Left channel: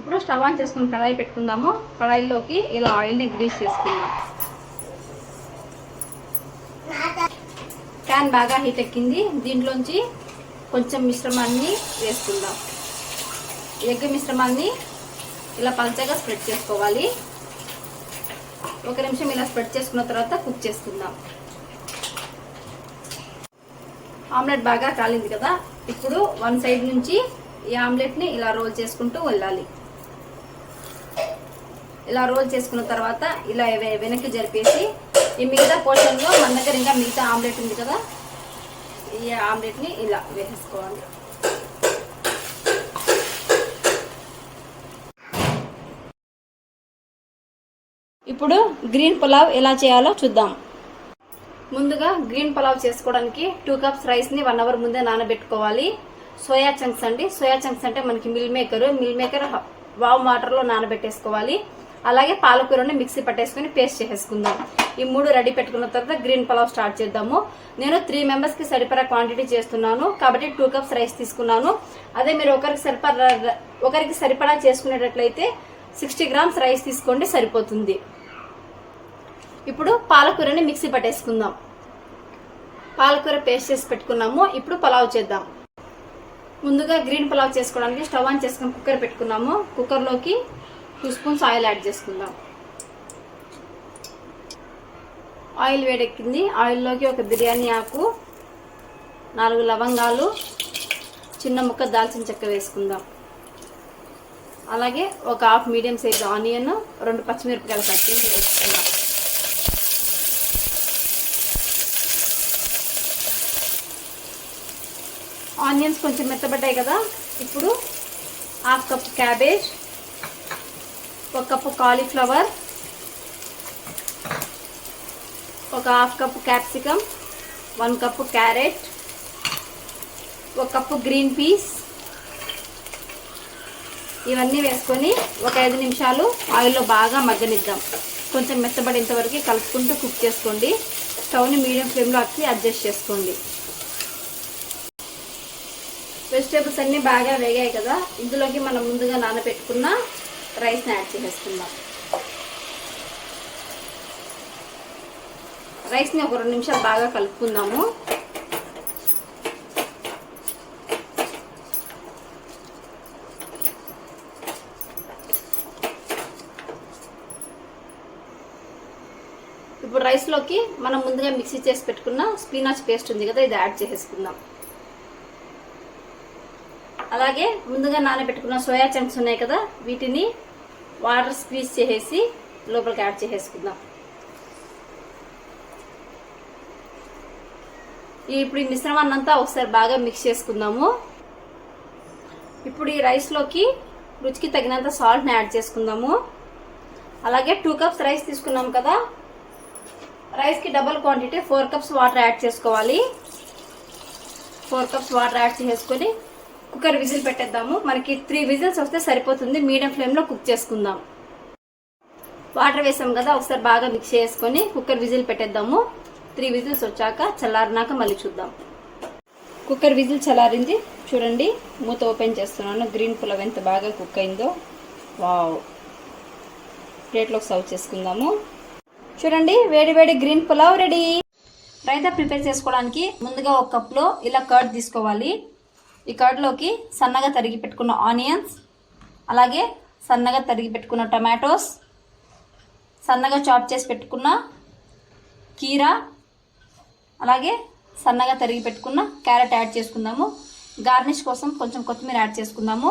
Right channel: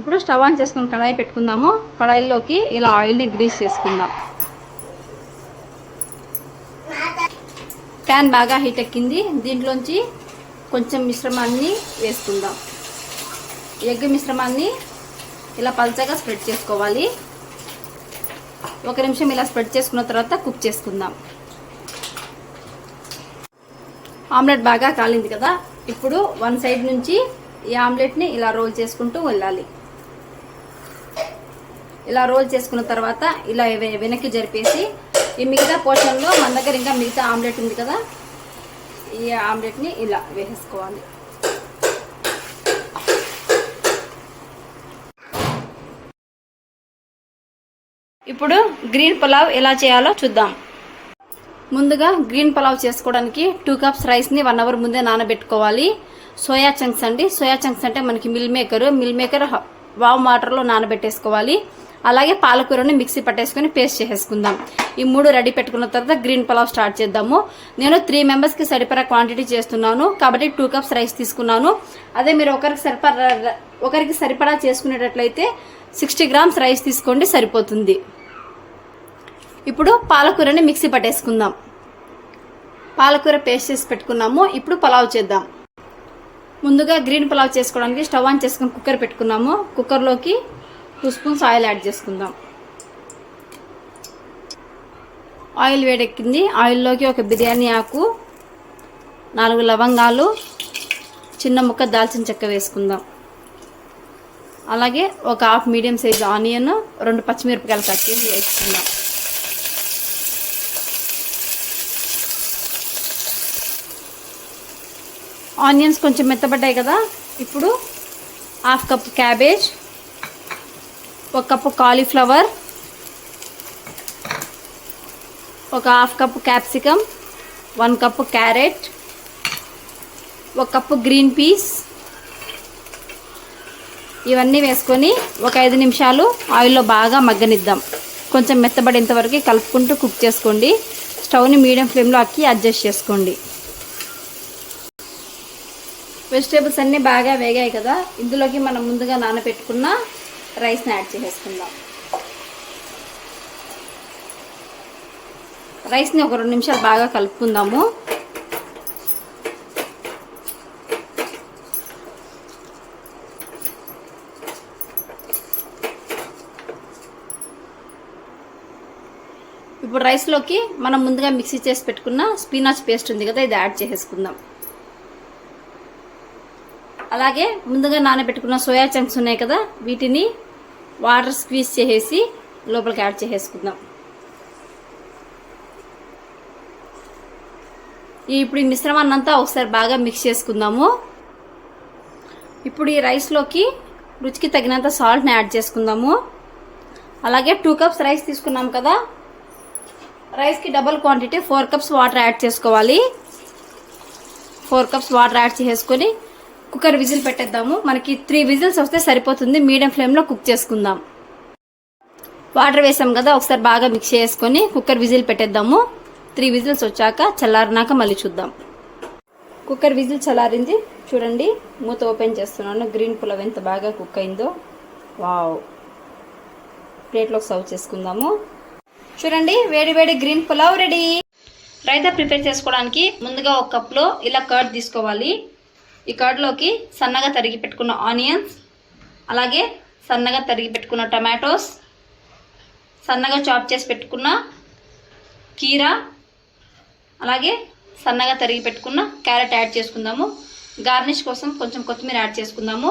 ఇప్పుడు stove on చేసుకుని కడాయి పెట్టుకుందాము. కడాయిలోకి ఇలా ఆయిల్ని గ్రీస్ చేసుకుందాం. ప్యాన్ బాగా హీట్ ఎక్కింది. దీంట్లోంచి కొంచెం మిశ్రమాన్ని వేసుకుందాం. ఎగ్ మిశ్రమాన్ని ఇలా పల్చగా స్ప్రెడ్ చేసుకోవాలి. 1 నిమిషం ఇలా స్ప్రెడ్ చేసుకున్న తర్వాత కుక్ చేసుకుందాం. ఆమ్లెట్ బాగా కాలింది కదా, ఇప్పుడు 1 సైడ్ నుంచి ఈ ఆమ్లెట్ని ఇలా రోల్ చేసుకుంటూ వెళ్ళాలి. ఇలా రోల్ చేసుకున్న తర్వాత ఇలా వెనక్కి జరిపేసి ఈ మిగతా పోర్షన్లో మన దగ్గర ఇంకా మిగతా ఆమ్లెట్ ఉంది కదా, ఈ ఆమ్లెట్ని ఇలా వేసేసుకోవాలి. ఇప్పుడు గ్రీన్ పులావ్ ఎలా చేయాలో చూద్దాం. ముందుగా గ్రీన్ పులావ్ చేసుకోవడానికి 2 కప్స్ రైస్ని 1 అవర్ ముందే నానబెట్టుకోవాలి. సోయా చంక్స్ అండి. సోయా చంక్స్ అంటే మనకి మిల్ మేకర్ వామ్ వాటర్లో నానబెట్టేసుకోవాలి. అలాగే పాలకూరని మిక్సీ పట్టేసుకుని పేస్ట్ చేసేసుకుందాం. ఈ 3 రెడీ పెట్టుకున్న తర్వాత గ్రీన్ పులావ్ స్టార్ట్ చేద్దాము. నేను 3 మెంబర్స్కి సరిపడా క్వాంటిటీ చేస్తున్నాను కాబట్టి 2 కప్స్ రైస్ తీసుకున్నాను. అదే మీరు ఒకరికి సరిపడా చేసుకునేటట్లయితే 60 గ్రామ్స్ రైస్ తీసుకోండి, సరిపోతుంది. ఇప్పుడు పాలకూరని మిక్సీ పట్టేసుకుందాం. పాలకూర పేస్ట్ చేసి పెట్టుకున్నాము. ఇప్పుడు పులావ్ చేద్దాం. ముందుగా గ్రీన్ పులావ్ చేసుకోవడానికి స్టవ్ ఆన్ చేసుకుని కుక్కర్ పెట్టుకున్నాము. కుక్కర్లోకి 2 స్పూన్స్ ఆయిల్ యాడ్ చేసుకుందాం. ఆయిల్ వేడెక్కింది. ఆయిల్లోకి ఒక బిర్యానీ ఆకు, 4 లవంగాలు, చిన్న ముక్క దాల్చిన చెక్క వేసుకుందాం. అలాగే ఒక హాఫ్ మీడియం సైజ్ ఆనియన్, 2 పచ్చిమిరపకాయలు కట్ చేసి వేసుకుందాం. ఆనియన్స్ కొంచెం మెత్తబడ్డాయి కదా, ఇప్పుడు 1/2 cup cabbage, 1 cup cauliflower, 1/2 cup capsicum, 1 cup carrot, 1 cup green peas, ఇవన్నీ వేసుకొని ఒక 5 నిమిషాలు ఆయిల్లో బాగా మగ్గనిద్దాం. కొంచెం మెత్తబడేంత వరకు కలుపుకుంటూ కుక్ చేసుకోండి. స్టవ్ని మీడియం ఫ్లేమ్లో అడ్జస్ట్ చేసుకోండి. వెజిటేబుల్స్ అన్నీ బాగా వేగాయి కదా, ఇందులోకి మనం ముందుగా నానబెట్టుకున్న రైస్ని యాడ్ చేసేసుకుందాం. రైస్ని ఒక 2 నిమిషాలు బాగా కలుపుకుందాము. ఇప్పుడు రైస్లోకి మనం ముందుగా మిక్సీ చేసి పెట్టుకున్న స్పినాచ్ పేస్ట్ ఉంది కదా, ఇది యాడ్ చేసేసుకుందాం. అలాగే ముందుగా నానబెట్టుకున్న సోయా చంక్స్ ఉన్నాయి కదా, వీటిని వాటర్ స్క్వీజ్ చేసేసి లోపలికి యాడ్ చేసేసుకుందాం. ఇప్పుడు ఈ మిశ్రమాన్ని అంతా ఒకసారి బాగా మిక్స్ చేసుకుందాము. ఇప్పుడు ఈ రైస్లోకి రుచికి తగినంత సాల్ట్ని యాడ్ చేసుకుందాము. అలాగే 2 కప్స్ రైస్ తీసుకున్నాం కదా, రైస్కి double quantity 4 cups water add చేసుకోవాలి. 4 కప్స్ వాటర్ యాడ్ చేసుకొని కుక్కర్ విజిల్ పెట్టేద్దాము. మనకి 3 విజిల్స్ వస్తే సరిపోతుంది. మీడియం ఫ్లేమ్లో కుక్ చేసుకుందాం. వాటర్ వేసాం కదా, ఒకసారి బాగా మిక్స్ చేసుకొని కుక్కర్ విజిల్ పెట్టేద్దాము. 3 విజిల్స్ వచ్చాక చల్లారినాక మళ్ళీ చూద్దాం. కుక్కర్ విజిల్ చల్లారింది. చూడండి, మూత ఓపెన్ చేస్తున్నాను. గ్రీన్ పులావ్ ఎంత బాగా కుక్ అయిందో. వావ్! ప్లేట్లోకి సర్వ్ చేసుకుందాము. చూడండి, వేడి వేడి green pulao ready. Raita prepare చేసుకోవడానికి ముందుగా 1 కప్లో ఇలా కర్డ్ తీసుకోవాలి. ఈ కర్డ్లోకి సన్నగా తరిగి పెట్టుకున్న ఆనియన్స్, అలాగే సన్నగా తరిగి పెట్టుకున్న టమాటోస్, సన్నగా చాప్ చేసి పెట్టుకున్న కీరా, అలాగే సన్నగా తరిగి పెట్టుకున్న క్యారెట్ యాడ్ చేసుకుందాము. గార్నిష్ కోసం కొంచెం కొత్తిమీర యాడ్ చేసుకుందాము.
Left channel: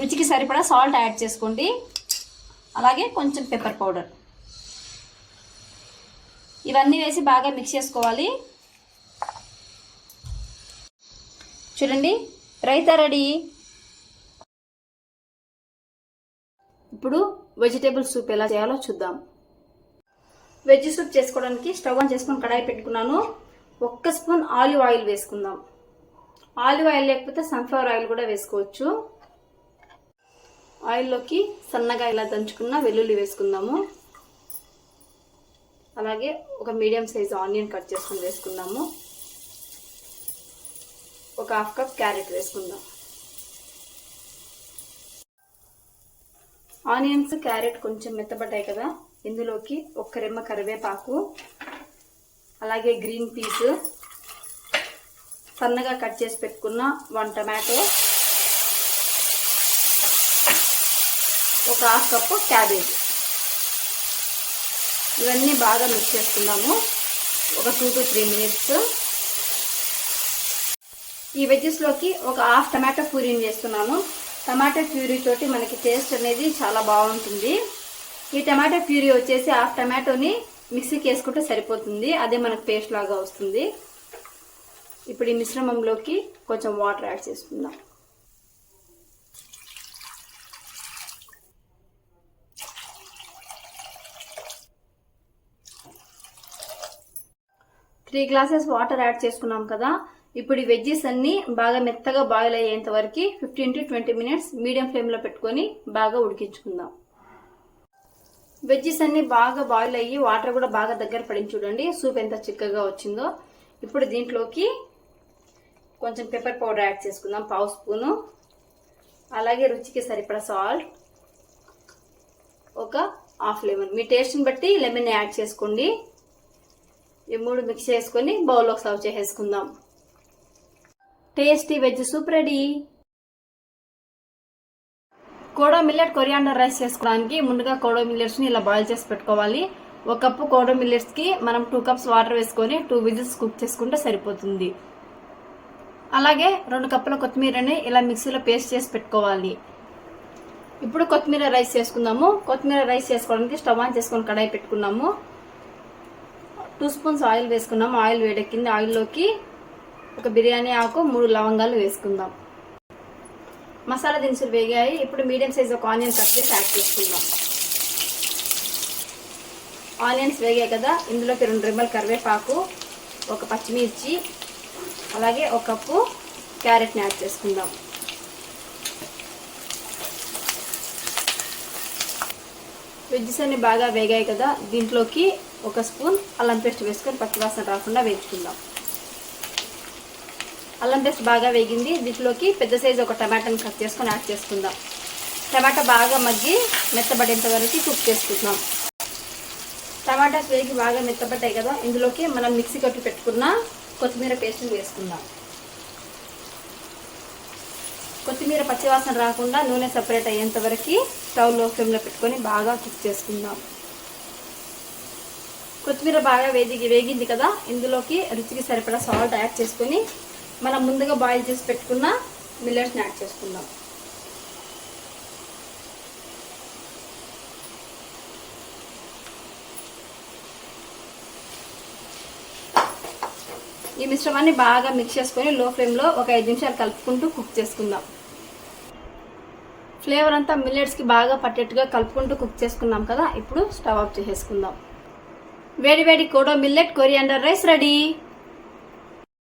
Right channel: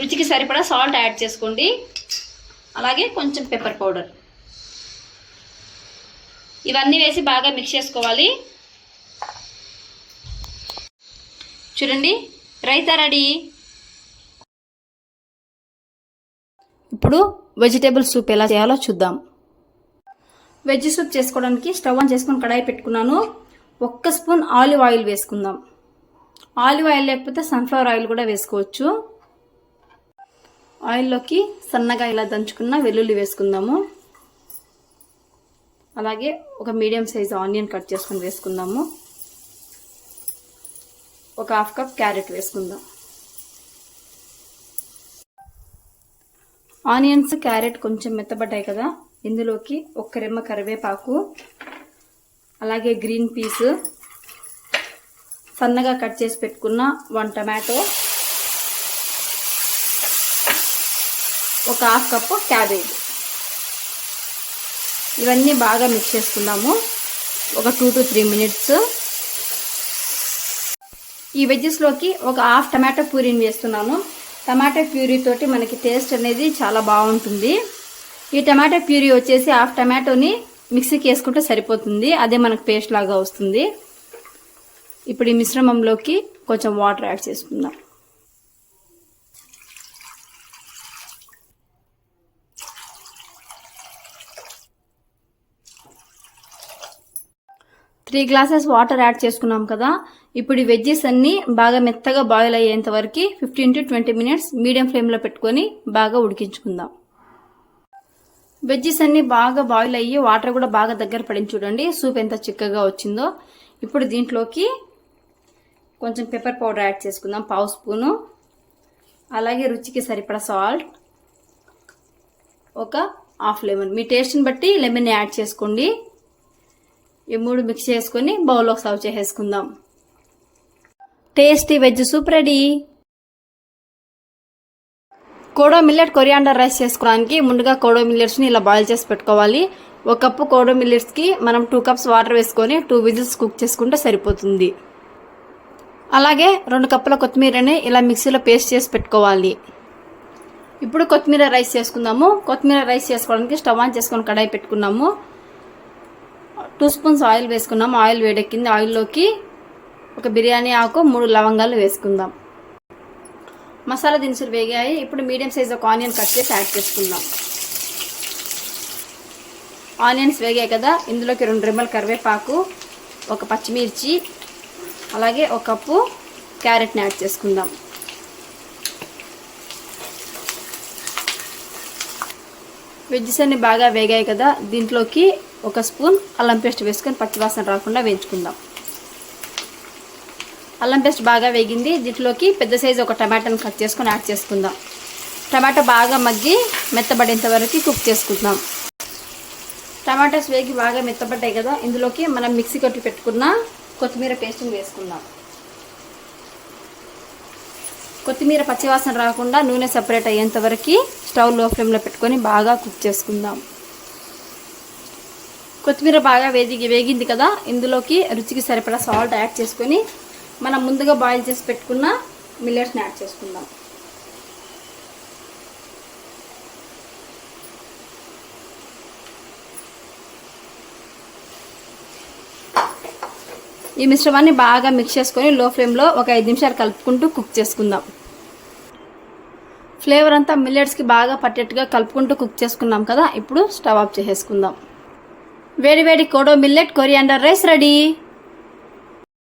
రుచికి సరిపడా సాల్ట్ యాడ్ చేసుకోండి. అలాగే కొంచెం పెప్పర్ పౌడర్, ఇవన్నీ వేసి బాగా మిక్స్ చేసుకోవాలి. చూడండి, రైతా రెడీ. ఇప్పుడు వెజిటేబుల్ సూప్ ఎలా చేయాలో చూద్దాం. వెజ్ సూప్ చేసుకోవడానికి స్టవ్ ఆన్ చేసుకుని కడాయి పెట్టుకున్నాను. 1 స్పూన్ ఆలివ్ ఆయిల్ వేసుకుందాం. ఆలివ్ ఆయిల్ లేకపోతే సన్ఫ్లవర్ ఆయిల్ కూడా వేసుకోవచ్చు. ఆయిల్లోకి సన్నగా ఇలా దంచుకున్న వెల్లుల్లి వేసుకుందాము. అలాగే ఒక మీడియం సైజ్ ఆనియన్ కట్ చేసుకుని వేసుకుందాము. ఒక 1/2 కప్ క్యారెట్ వేసుకుందాం. ఆనియన్స్ క్యారెట్ కొంచెం మెత్తబడ్డాయి కదా, ఇందులోకి 1 రెమ్మ కరివేపాకు, అలాగే గ్రీన్ పీస్, సన్నగా కట్ చేసి పెట్టుకున్న 1 టమాటో, 1/2 కప్పు క్యాబేజ్, ఇవన్నీ బాగా మిక్స్ చేసుకుందాము ఒక 2 to 3 మినిట్స్. ఈ వెజ్జెస్లోకి 1/2 టమాటో ప్యూరీని వేస్తున్నాను. టమాటో ప్యూరీ తోటి మనకి టేస్ట్ అనేది చాలా బాగుంటుంది. ఈ టమాటో ప్యూరీ వచ్చేసి 1/2 టమాటోని మిక్సీకి వేసుకుంటే సరిపోతుంది, అదే మనకు పేస్ట్ లాగా వస్తుంది. ఇప్పుడు ఈ మిశ్రమంలోకి కొంచెం వాటర్ యాడ్ చేసుకుందాం. త్రీ గ్లాసెస్ వాటర్ యాడ్ చేసుకున్నాం కదా. ఇప్పుడు ఈ వెజ్జెస్ అన్ని బాగా మెత్తగా బాయిల్ అయ్యేంత వరకు 15 to 20 మినిట్స్ మీడియం ఫ్లేమ్లో పెట్టుకొని బాగా ఉడికించుకుందాం. వెజ్జెస్ అన్ని బాగా బాయిల్ అయ్యి వాటర్ కూడా బాగా దగ్గర పడింది. చూడండి సూప్ ఎంత చిక్కగా వచ్చిందో. ఇప్పుడు దీంట్లోకి కొంచెం పెప్పర్ పౌడర్ యాడ్ చేసుకుందాం, 1/2 స్పూను. అలాగే రుచికి సరిపడా సాల్ట్, 1/2 లెమన్, మీ టేస్ట్ని బట్టి లెమన్ యాడ్ చేసుకోండి. ఈ 3 మిక్స్ చేసుకుని బౌల్లో సర్వ్ చేసేసుకుందాం. Tasty veg soup ready. Kodo millet coriander rice చేసుకోవడానికి ముందుగా కోడో మిల్లెట్స్ని ఇలా బాయిల్ చేసి పెట్టుకోవాలి. 1 కప్పు కోడో మిల్లెట్స్కి మనం 2 కప్స్ వాటర్ వేసుకొని 2 విజిల్స్ కుక్ చేసుకుంటే సరిపోతుంది. అలాగే 2 కప్పుల కొత్తిమీరని ఇలా మిక్సీలో పేస్ట్ చేసి పెట్టుకోవాలి. ఇప్పుడు కొత్తిమీర రైస్ చేసుకుందాము. కొత్తిమీర రైస్ చేసుకోవడానికి స్టవ్ ఆన్ చేసుకొని కడాయి పెట్టుకున్నాము. 2 స్పూన్స్ ఆయిల్ వేసుకున్నాము. ఆయిల్ వేడెక్కింది. ఆయిల్లోకి 1 బిర్యానీ ఆకు, 3 లవంగాలు వేసుకుందాం. మసాలా దినుసులు వేగాయి. ఇప్పుడు మీడియం సైజ్ ఒక ఆనియన్ కట్ చేసి యాడ్ చేసుకుందాం. ఆనియన్స్ వేగాయి కదా, ఇందులోకి 2 రెమ్మల కరివేపాకు, 1 పచ్చిమిర్చి, అలాగే 1 కప్పు క్యారెట్ని యాడ్ చేసుకుందాం. వెజ్జెస్ అన్ని బాగా వేగాయి కదా, దీంట్లోకి 1 స్పూన్ అల్లం పేస్ట్ వేసుకొని పచ్చివాసన రాకుండా వేయించుకుందాం. అల్లం పేస్ట్ బాగా వేగింది. దీంట్లోకి పెద్ద సైజు 1 టమాటాను కట్ చేసుకొని యాడ్ చేసుకుందాం. టమాటా బాగా మగ్గి మెత్తబడేంత వరకు కుక్ చేసుకుందాం. టమాటాస్ వేగి బాగా మెత్తబడ్డాయి కదా, ఇందులోకి మనం మిక్సీ కొట్టి పెట్టుకున్న కొత్తిమీర పేస్ట్ని వేసుకుందాం. కొత్తిమీర పచ్చివాసన రాకుండా నూనె సెపరేట్ అయ్యేంత వరకు స్టవ్ లో ఫ్లేమ్లో పెట్టుకొని బాగా కుక్ చేసుకుందాం. కొత్తిమీర బాగా వేగింది కదా, ఇందులోకి రుచికి సరిపడా సాల్ట్ యాడ్ చేసుకొని మనం ముందుగా బాయిల్ చేసి పెట్టుకున్న మిల్లెట్స్ని యాడ్ చేసుకుందాం. ఈ మిశ్రమాన్ని బాగా మిక్స్ చేసుకొని లో ఫ్లేమ్లో ఒక 5 నిమిషాలు కలుపుకుంటూ కుక్ చేసుకుందాం. ఫ్లేవర్ అంతా మిల్లెట్స్కి బాగా పట్టేట్టుగా కలుపుకుంటూ కుక్ చేసుకున్నాం కదా. ఇప్పుడు స్టవ్ ఆఫ్ చేసేసుకుందాం. వేడి వేడి kodo millet coriander rice ready.